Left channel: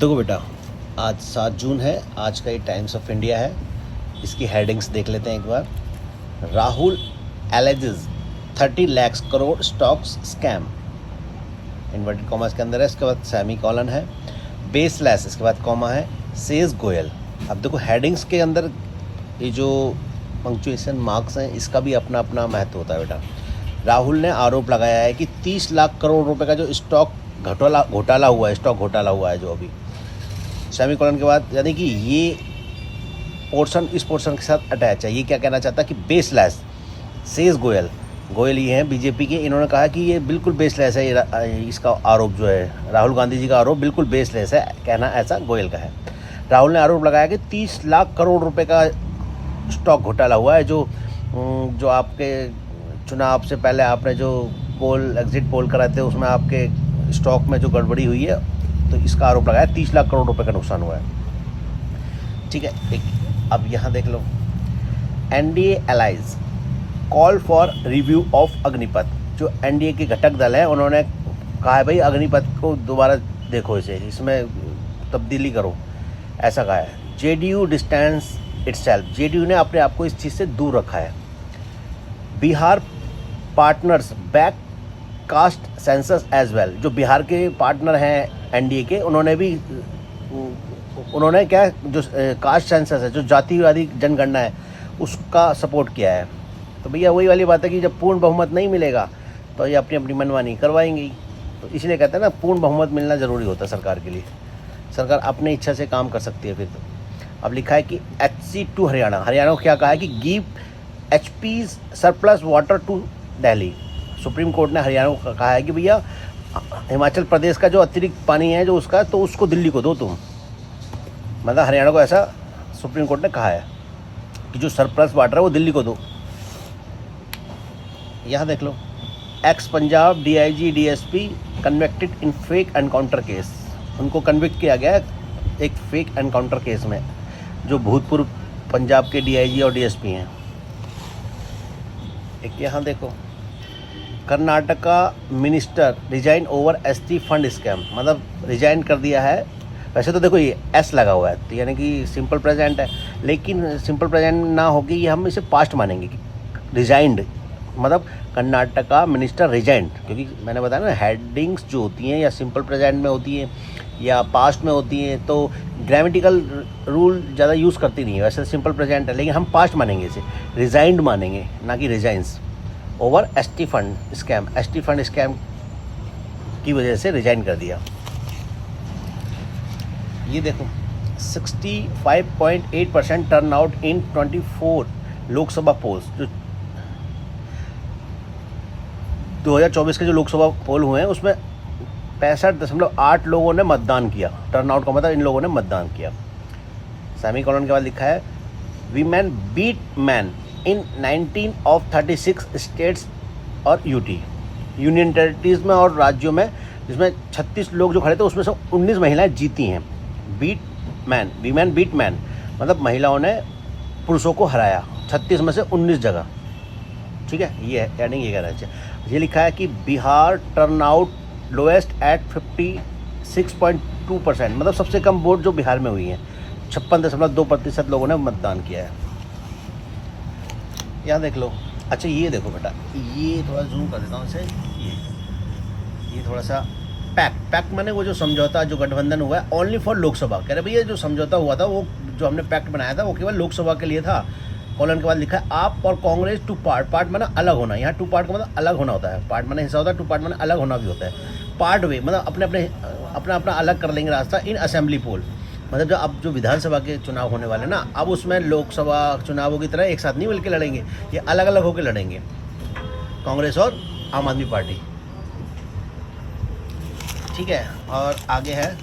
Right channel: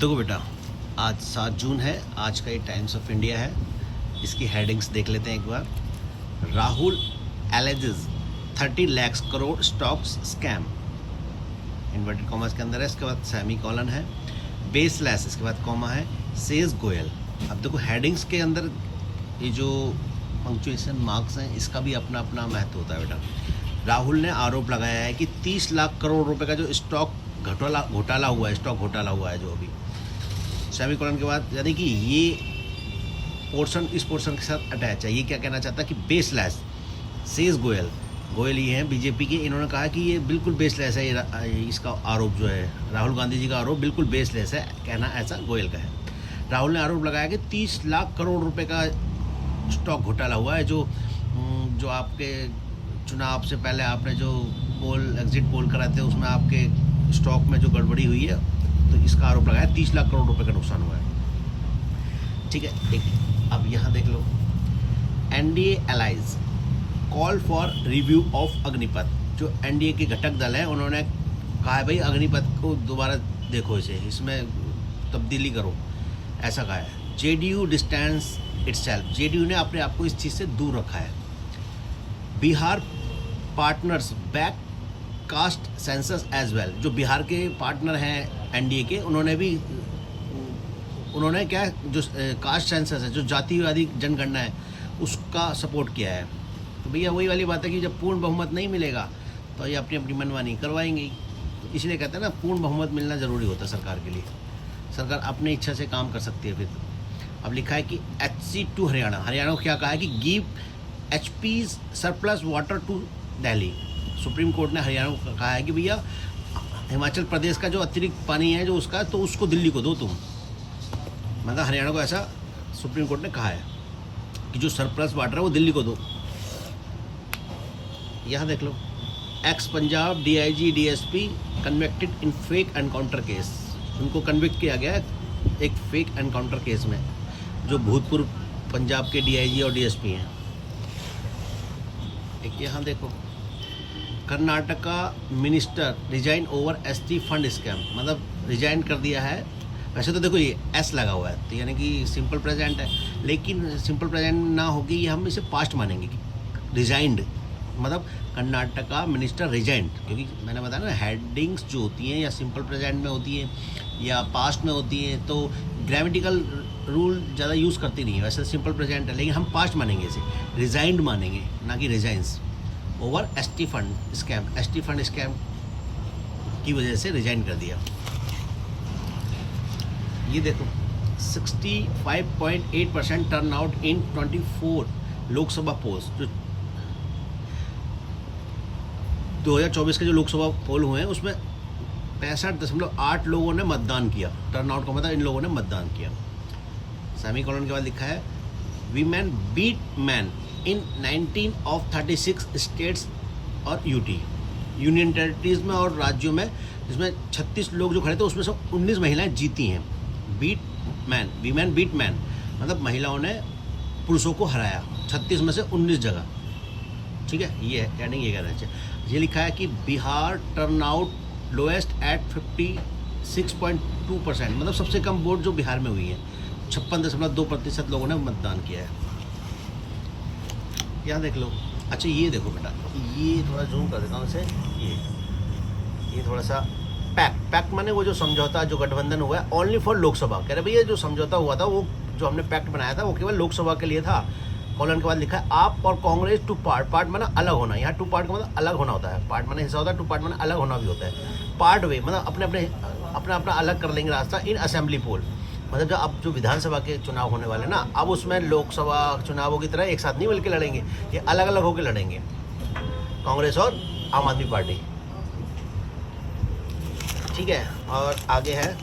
देखो बेटा, आज 7 जून है। आज का ही टाइम्स ऑफ इंडिया है। इसकी हेडिंग्स देख लेते हैं एक बार। Rahul alleges 30 lakh crore stocks scam, inverted commas के अंदर है। इसके बाद सेमी कॉलन है, बेसलेस, इसके बाद कॉमा है, सेज गोयल। अब देखो हेडिंग्स के अंदर ये जो पंक्चुएशन मार्क्स हैं, इसका भी अपना अपना महत्व होता है बेटा। राहुल ने आरोप लगाया है कि 30 लाख करोड़ रुपए का जो स्टॉक घोटाला हुआ है, स्टॉक घोटाला हुआ है जो अभी सेमी कॉलन के बाद, यानी कि ये पोर्शन इस पोर्शन के साथ अटैच है। ये क्या कहना चाहता है कि बेसलेस, सेज गोयल ये हैं बीजेपी के। इन्होंने कहा कि ये बिल्कुल बेसलेस है। इसका आरोप जो है, राहुल गांधी जी का आरोप बिल्कुल बेसलेस है, कहना ऐसा गोयल का है। राहुल ने आरोप लगाया कि 30 लाख करोड़ रुपए का स्टॉक घोटाला हुआ है। जो आपके चुनाव से पहले आपने जो एग्जिट पोल कराए थे, उसमें आपके स्टॉक में जो गड़बड़ी हुई है, तो इसका आरोप लगाया 30 लाख करोड़ रुपए का नुकसान हुआ है। ठीक है, अब यहाँ देख लो, NDA allies call for review of Agnipath. जो एनडीए के घटक दल है, उन्होंने कहा है भाई अग्निपथ को दोबारा देखो, इसमें तब्दीली करो, ऐसा कहा है। जेडीयू डिस्टेंस इटसेल्फ, जेडीयू ने अपने आप को इस चीज़ से दूर रखा है। Bihar partners back caste census as well, जो बिहार के पार्टनर हैं एनडीए के, उन्होंने क्या, जो कास्ट सेंसस है, जो जातिवादी जनगणना है, उसका सपोर्ट किया है। तो भैया वही वाली बात है कि जब पूर्ण बहुमत नहीं मिलेगा तो ये अपनी अपनी मनमानी करवाएंगी। तो इसलिए कहते हैं ना, पूर्ण बहुमत मिलना ज़रूरी होता है सरकार के लिए। सरकार अपनी इच्छा से काम कर सकती है फिर तो। अब लिखा है कि HC टू हरियाणा को क्या कहा है कि give HP's surplus water to Delhi. Supreme court ने हरियाणा को कहा है कि भैया हिमाचल प्रदेश का जो अतिरिक्त पानी है जो उसका, तो उसको दिल्ली को दो तुम। मतलब हरियाणा को ऐसा सुप्रीम कोर्ट ने कहा है कि जो सरप्लस वाटर है वो दिल्ली को दो। यहाँ देख लो, ex Punjab DIG DSP convicted in fake encounter case. उनको कन्विक्ट किया गया एक फेक एनकाउंटर केस में, जो भूतपूर्व पंजाब के DIG और DSP हैं। एक यहाँ देखो, Karnataka minister resign over ST fund scam, मतलब रिजाइन कर दिया है। वैसे तो देखो ये S लगा हुआ है, तो यानी कि सिंपल प्रेजेंट है, लेकिन सिंपल प्रेजेंट ना होगी, ये हम इसे पास्ट मानेंगे कि रिजाइंड, मतलब कर्नाटका मिनिस्टर रिजाइंड। क्योंकि मैंने बताया ना, हेडिंग्स जो होती हैं या सिंपल प्रेजेंट में होती हैं या पास्ट में होती हैं, तो ग्रामेटिकल रूल ज़्यादा यूज़ करती नहीं है। वैसे सिंपल प्रेजेंट है, लेकिन हम पास्ट मानेंगे, इसे रिजाइंड मानेंगे, ना कि resigns. Over ST fund scam की वजह से रिजाइन कर दिया। ये देखो, 65.8% turn out in 24 Lok Sabha polls. जो 2024 के जो लोकसभा पोल हुए हैं, उसमें 65.8 लोगों ने मतदान किया। टर्न आउट का मतलब इन लोगों ने मतदान किया। सेमी कॉलन के बाद लिखा है, women beat man in 19 of 36 states और यूनियन टेरिटरीज में और राज्यों में, जिसमें 36 लोग जो खड़े थे, उसमें से 19 महिलाएं जीती हैं। वीमेन बीट मैन मतलब महिलाओं ने पुरुषों को हराया 36 में से 19 जगह। ठीक है, ये है यानी ये कहना चाहिए। ये लिखा है कि Bihar turn out lowest at 56.2%, मतलब सबसे कम वोट जो बिहार में हुई हैं, 56.2% लोगों ने मतदान किया है। यहाँ देख लो। अच्छा ये देखो बेटा, ये थोड़ा जूम कर देता हूँ इसे। ये थोड़ा सा पैक्ट माने वो जो समझौता, जो गठबंधन हुआ है ओनली फॉर लोकसभा। कह रहे भैया जो समझौता हुआ था, वो जो हमने पैक्ट बनाया था, वो केवल लोकसभा के लिए था। कॉलन के बाद लिखा है, आप और कांग्रेस टू पार्ट माना अलग होना। यहाँ टू पार्ट का मतलब अलग होना होता है। पार्ट माने हिस्सा होता है, टू पार्ट माने अलग होना भी होता है। पार्ट वे मतलब अपना अलग कर लेंगे रास्ता इन असेंबली पोल। मतलब जो अब जो विधानसभा के चुनाव होने वाले ना, अब उसमें लोकसभा चुनावों की तरह एक साथ नहीं मिलकर लड़ेंगे, ये अलग अलग होकर लड़ेंगे, कांग्रेस और आम आदमी पार्टी। ठीक है, और आगे है